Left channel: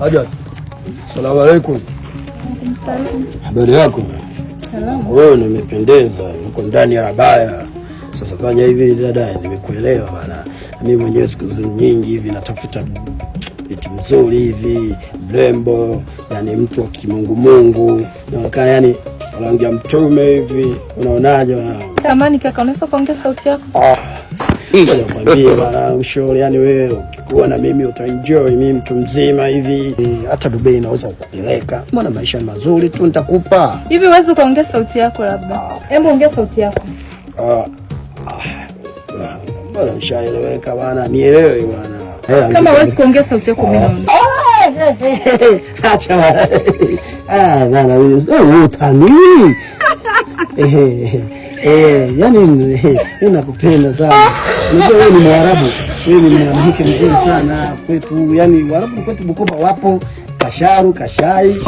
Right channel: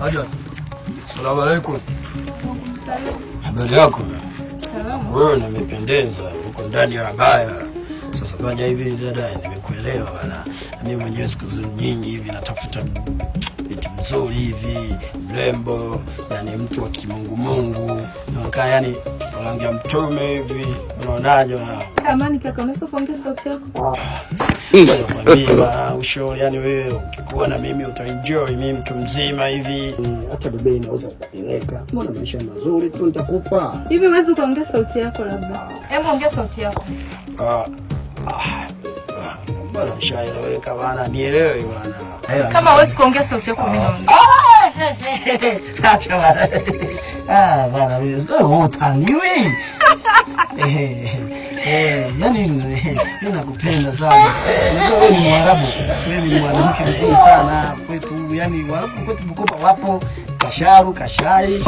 Hajat. Asalamu alaykum. Salamu. Habari yako? Salamu. Wewe umependeza, uko ndani ya baya. Sasa fanya hivi dada, nimekuelewa bana. Mimi mwenyewe siku nyingi hivi natafuta eti mzuri hivi, mrembo, yani mtu wa kimungu. Naonekana yani rangi ya mtume hivi. Unaonaje bana? Samani kaka, unaweza kuongea sauti yako? Ngoja nikwambie bana, ushauri yani wewe ukikuwa na mimi utaenjoy, mimi mtu mzima hivi. Hata Dubai naweza kukupeleka. Mbona maisha mazuri tu nitakupa. Hivi uweze kuongea sauti yako labda? Hebu ongea sauti yako. Bwana ushaeleweka bana, nielewe bana. Kama huwezi kuongea sauti yako mimi naona. Acha bana. Bana wewe utaniwi. Yani mimi nakupenda sana. Unajua wewe ni Mwarabu. Wewe ni mwanamke mzuri sana kwetu. Yani Waarabu kwetu Bukoba wapo Kasharu, Kashai.